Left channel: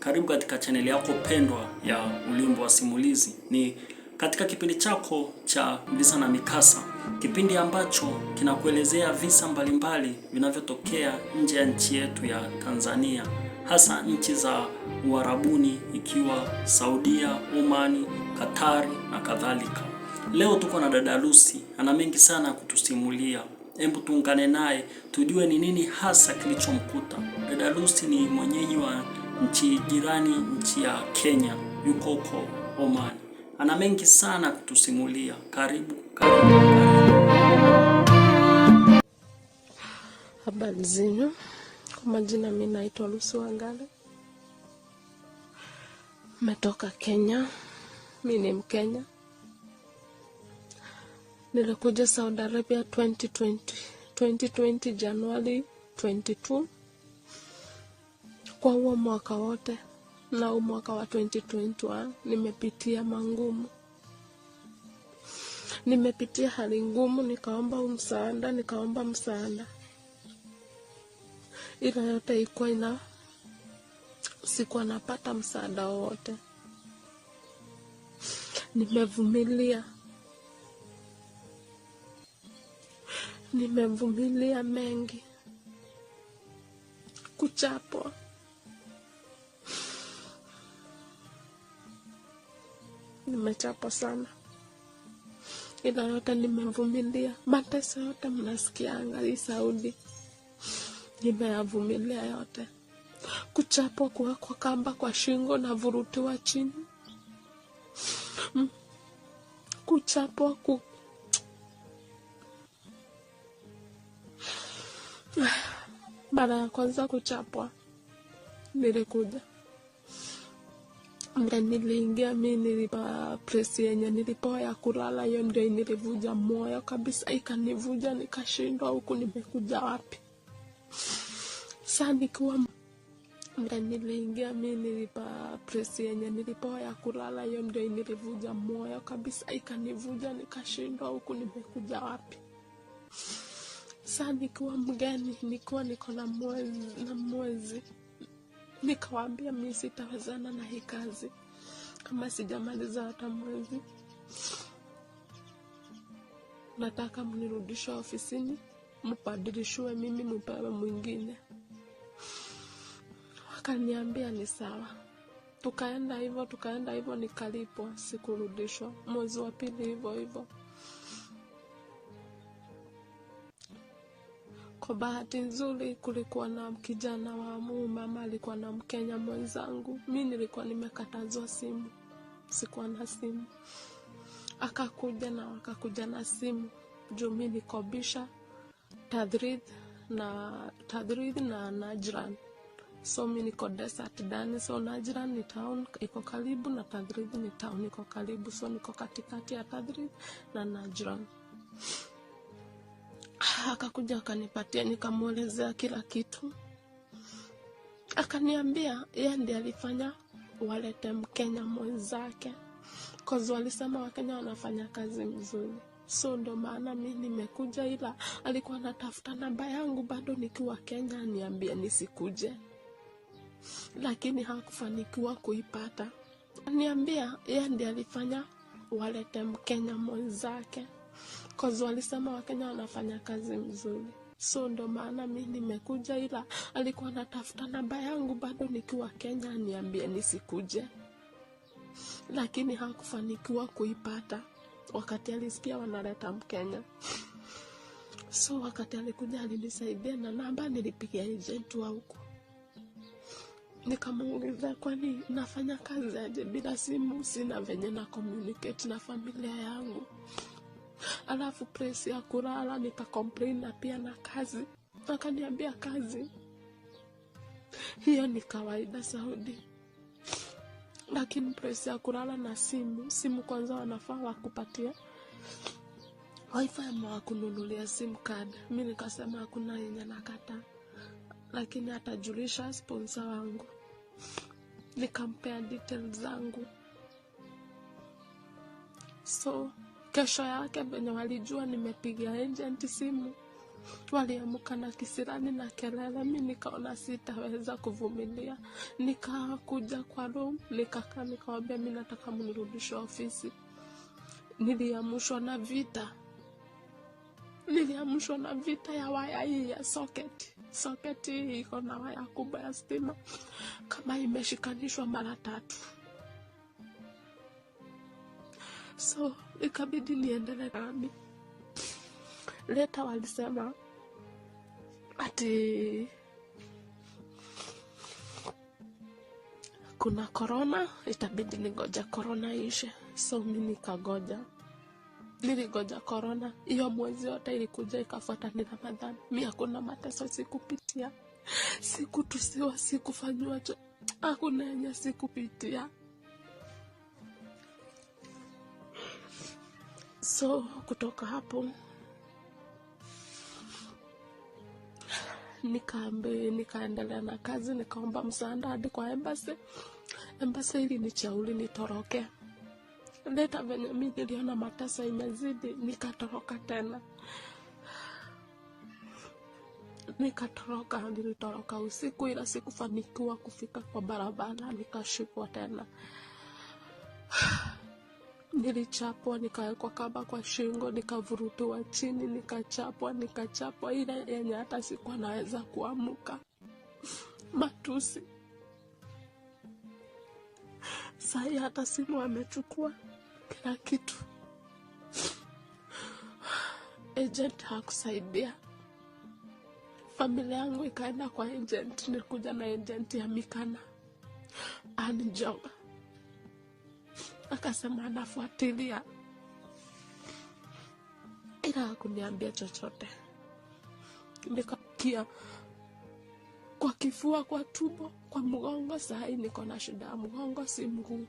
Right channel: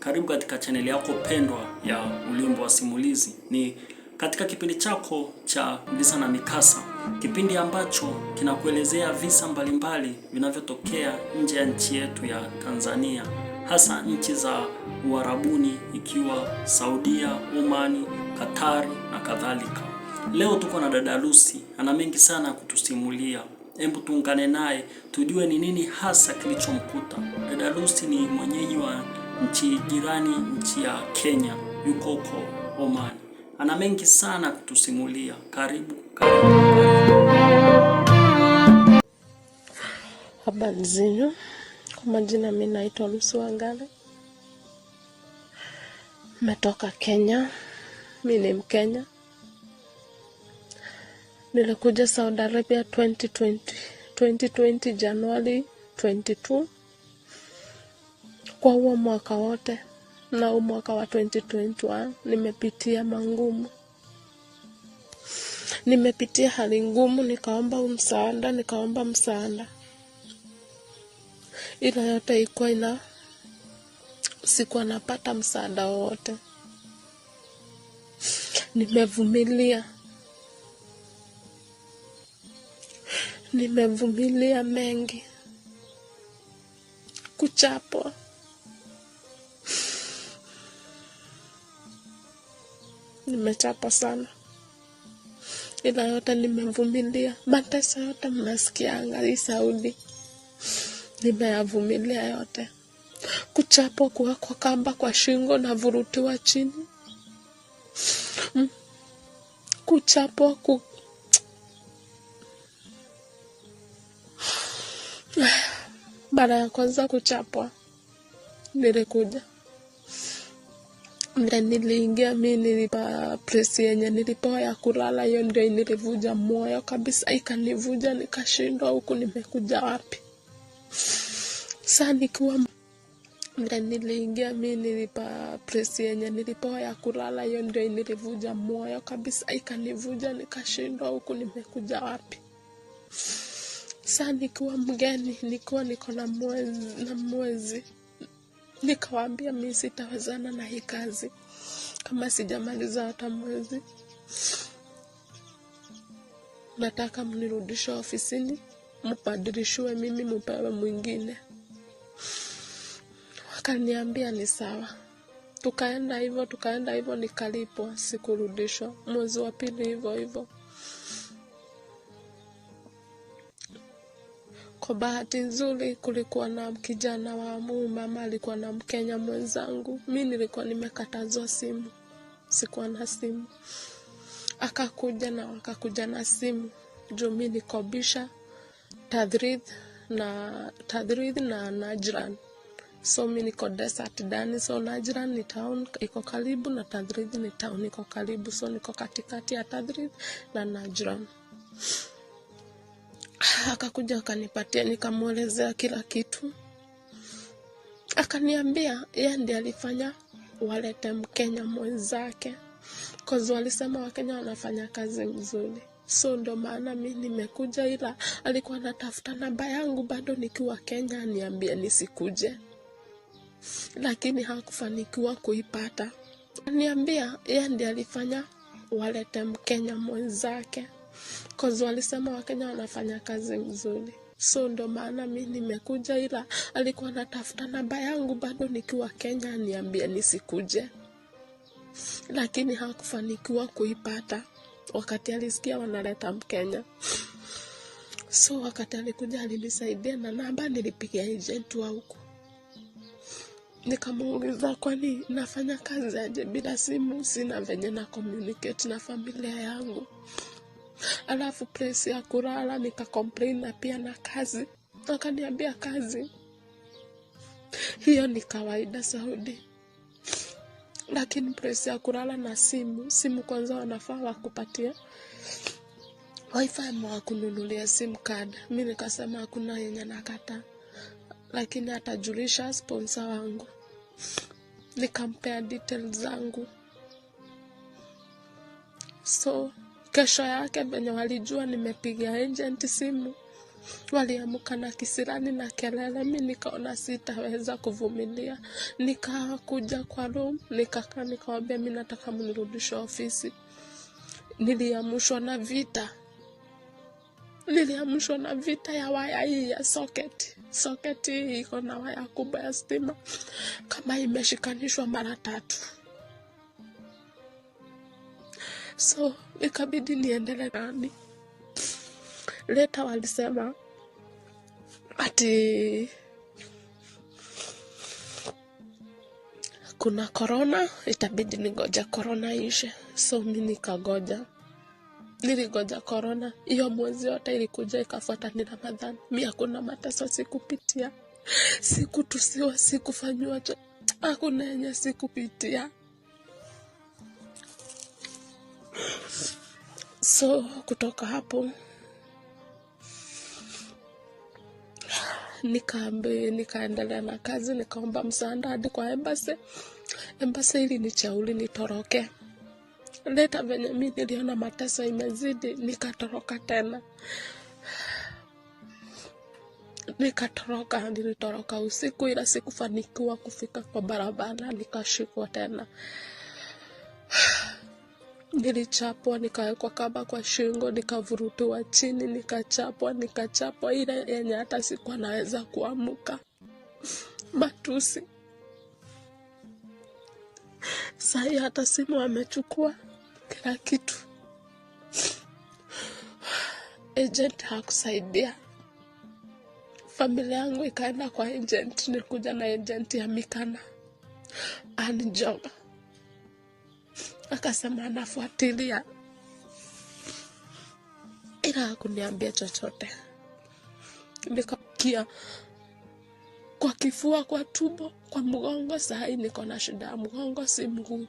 Karibu katika chaneli yako pendwa ya Ulimbo wa Simulizi. Ni katika kipindi chako cha visa na mikasa, kipindi ambacho kinakuelezea visa mbalimbali vinavyotokea nje ya nchi yetu ya Tanzania, hasa nchi za Uarabuni ikiwa Saudia, Omani, Katari na kadhalika. Leo tuko na dada Lucy, ana mengi sana kutusimulia. Hebu tuungane naye tujue ni nini hasa kilichomkuta. Dada Lucy ni mwenyeji wa nchi jirani, nchi ya Kenya, yuko huko Oman. Ana mengi sana kutusimulia. Karibu. Habari zenu. Kwa majina mimi naitwa Lucy Wangari. Nimetoka Kenya. Mimi ni Mkenya. Nilikuja Saudi Arabia 2020 January 22. Kwa huo mwaka wote na mwaka wa 2021 nimepitia mangumu. Nimepitia hali ngumu, nikaomba msaada. Ila yote ilikuwa sikuwa napata msaada wote. Nimevumilia mengi. Kuchapwa. Nimechapwa sana. Ila yote nimevumilia. Mateso yote mnasikianga hii Saudi. Nimeyavumilia yote. Kuchapwa, kuwekwa kamba kwa shingo na vurutiwa chini. Kuchapwa Mara ya kwanza kuchapwa nilikuja. Mle niliingia mimi nilipa presi yenye nilipewa ya kulala, hiyo ndio nilivuja moyo kabisa, ikanivuja nikashindwa huku nimekuja wapi. Sasa nikiwa mle niliingia mimi nilipa presi yenye nilipewa ya kulala, hiyo ndio nilivuja moyo kabisa, ikanivuja nikashindwa huku nimekuja wapi. Sasa nikiwa mgeni, niko na mwezi. Nikawaambia mimi sitawezana na hii kazi kama sijamaliza hata mwezi. Nataka mnirudishe ofisini, mbadilishwe mimi mpewe mwingine. Wakaniambia ni sawa. Tukaenda hivyo nikalipwa, sikurudishwa. Mwezi wa pili hivyo. Kwa bahati nzuri kulikuwa na kijana wa mama alikuwa na Mkenya mwenzangu. Mimi nilikuwa nimekatazwa simu. Sikuwa na simu. Akakuja na simu. Juu mimi nikobisha Tadrid na Najran. So mimi niko desert ndani, so Najran ni town iko karibu na Tadrid ni town iko karibu, so niko katikati ya Tadrid na Najran. Akakuja akanipatia, nikamwelezea kila kitu. Akaniambia yeye ndiye alifanya walete Mkenya mwenzake. Cause walisema Wakenya wanafanya kazi nzuri. So ndo maana mimi nimekuja, ila alikuwa anatafuta namba yangu bado nikiwa Kenya niambie nisikuje. Lakini hakufanikiwa kuipata. Niambia yeye ndiye alifanya walete Mkenya mwenzake. Cause walisema Wakenya wanafanya kazi nzuri. So ndo maana mimi nimekuja, ila alikuwa anatafuta namba yangu bado nikiwa Kenya niambie nisikuje. Lakini hakufanikiwa kuipata wakati alisikia wanaleta Mkenya. So wakati alikuja alinisaidia na namba, nilipigia agent wa huko. Nikamuuliza kwani nafanya kazi aje bila simu, sina venye na communicate na familia yangu. Alafu presi ya kulala nika-complain na pia na kazi. Akaniambia kazi hiyo ni kawaida Saudi. Lakini presi ya kulala na simu kwanza wanafaa wakupatia wifi ama kununulia sim card. Mimi nikasema hakuna yenye nakata. Lakini atajulisha sponsor wangu. Nikampea details zangu. So kesho yake benye walijua nimepigia agent simu, Waliamka na kisirani na kelele. Mimi nikaona sitaweza kuvumilia, nikakuja kwa room, nikakaa, nikawaambia mimi nataka mnirudishe ofisi. Niliamshwa na vita. Niliamshwa na vita ya waya hii ya socket. Socket hii iko na waya kubwa ya stima kama imeshikanishwa mara 3. So ikabidi niendelee ndani. Later walisema ati kuna corona, itabidi nigoja corona ishe. So mimi nikagoja. Niligoja corona. Hiyo mwezi yote ilikuja ikafuata ni Ramadhani. Mimi hakuna mateso sikupitia. Sikutusiwa, sikufanywa, hakuna yenye sikupitia. So kutoka hapo nikaendelea na kazi, nikaomba msaada hadi kwa embassy. Embassy ili nichauli nitoroke. Later venye mimi niliona mateso imezidi, nikatoroka tena. Nilitoroka usiku, ila sikufanikiwa kufika kwa barabara, nikashikwa tena. Nilichapwa, nikawekwa kamba kwa shingo, nikavurutiwa chini, nikachapwa ile yenye hata sikuwa naweza kuamka. Matusi. Sahi hata simu wamechukua, kila kitu. Agent hakusaidia. Familia yangu ikaenda kwa agent. Nilikuja na agent ya Mikana, Anjoga. Akasema anafuatilia, ila hakuniambia chochote. Nikakia kwa kifua, kwa tumbo, kwa mgongo. Sahi niko na shida ya mgongo, si mguu.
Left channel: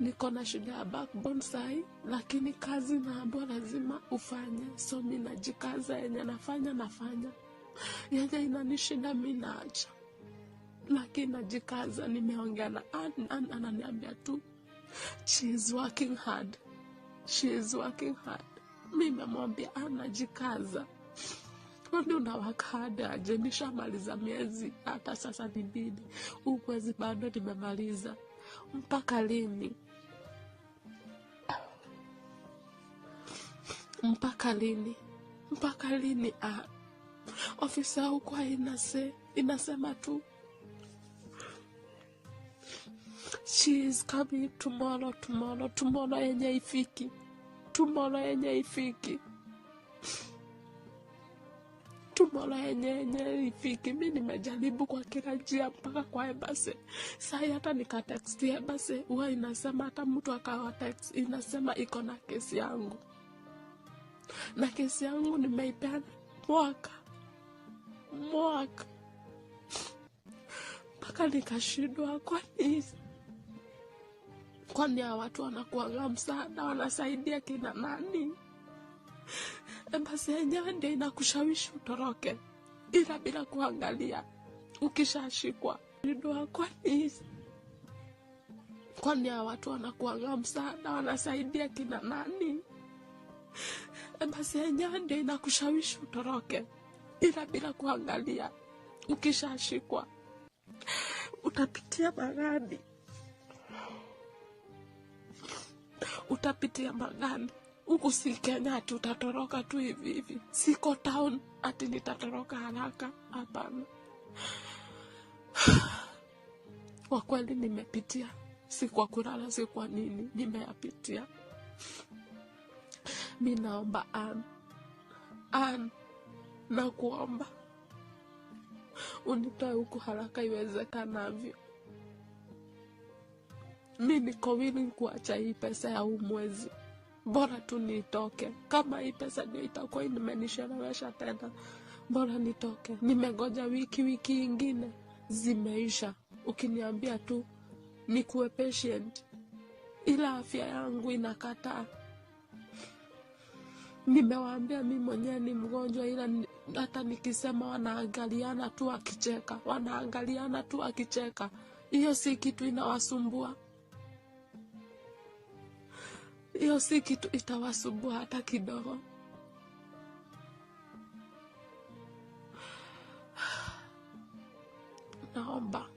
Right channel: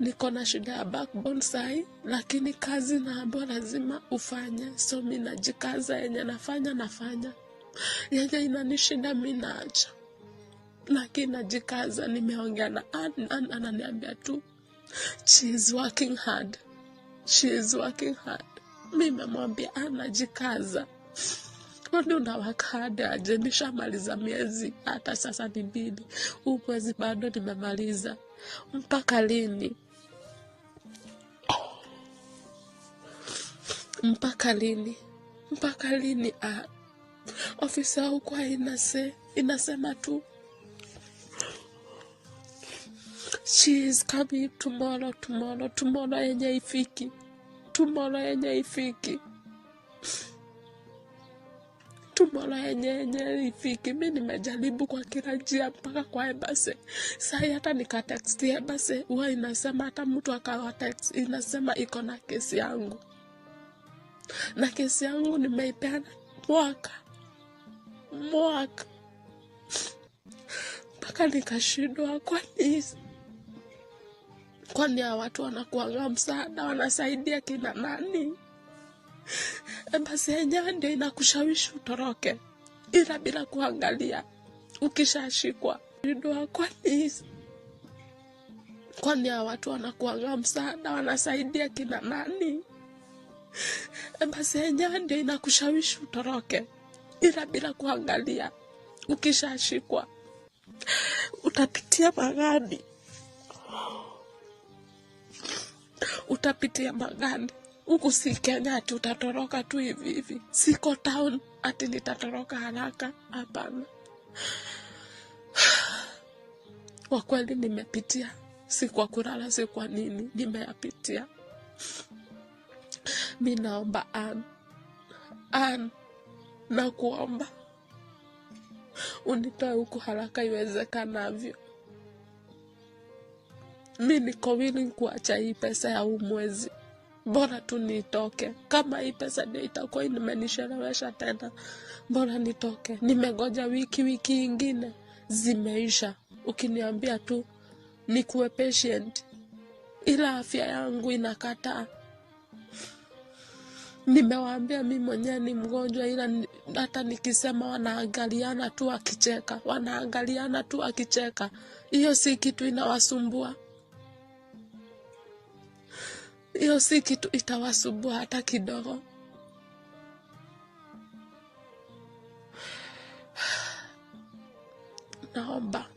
Niko na shida ya backbone sahi, lakini kazi naambiwa lazima ufanye. So mimi najikaza, yenye nafanya. Yenye inanishinda mimi naacha, lakini najikaza. Nimeongea na ananiambia tu she is working hard. Mimi namwambia anajikaza. Kwani unawaka hadi aje? Nishamaliza miezi, hata sasa ni 2. Huu mwezi bado nimemaliza. Mpaka lini? Ofisa huko inasema tu she is coming tomorrow yenye ifiki. Mimi nimejaribu kwa kila njia mpaka kwa embassy. Sasa hata nikatext embassy, huwa inasema hata mtu akawa text inasema iko na kesi yangu. Na kesi yangu nimeipeana mwaka. Mpaka nikashindwa, kwani ya watu wanakuanga msaada, wanasaidia kina nani? Embassy yenyewe ndio inakushawishi utoroke, ila bila kuangalia ukishashikwa. Kwani ya watu wanakuanga msaada, wanasaidia kina nani? Embassy yenyewe ndio inakushawishi utoroke, ila bila kuangalia ukishashikwa. Utapitia magani. Huku si Kenya ati utatoroka tu hivi. Siko town ati nitatoroka haraka. Hapana. Kwa kweli nimepitia. Si kwa kulala, si kwa nini. Nimeyapitia. Mimi naomba Ann, na kuomba unitoe huku haraka iwezekanavyo. Mimi niko willing kuacha hii pesa ya huu mwezi. Bora tu nitoke. Kama hii pesa ndio itakuwa imenishelewesha tena, bora nitoke. Nimegoja wiki ingine zimeisha. Ukiniambia tu nikuwe patient, ila afya yangu inakataa. Nimewaambia mimi mwenyewe ni mgonjwa, ila hata nikisema wanaangaliana tu akicheka. Hiyo si kitu inawasumbua. Hiyo si kitu itawasumbua hata kidogo. naomba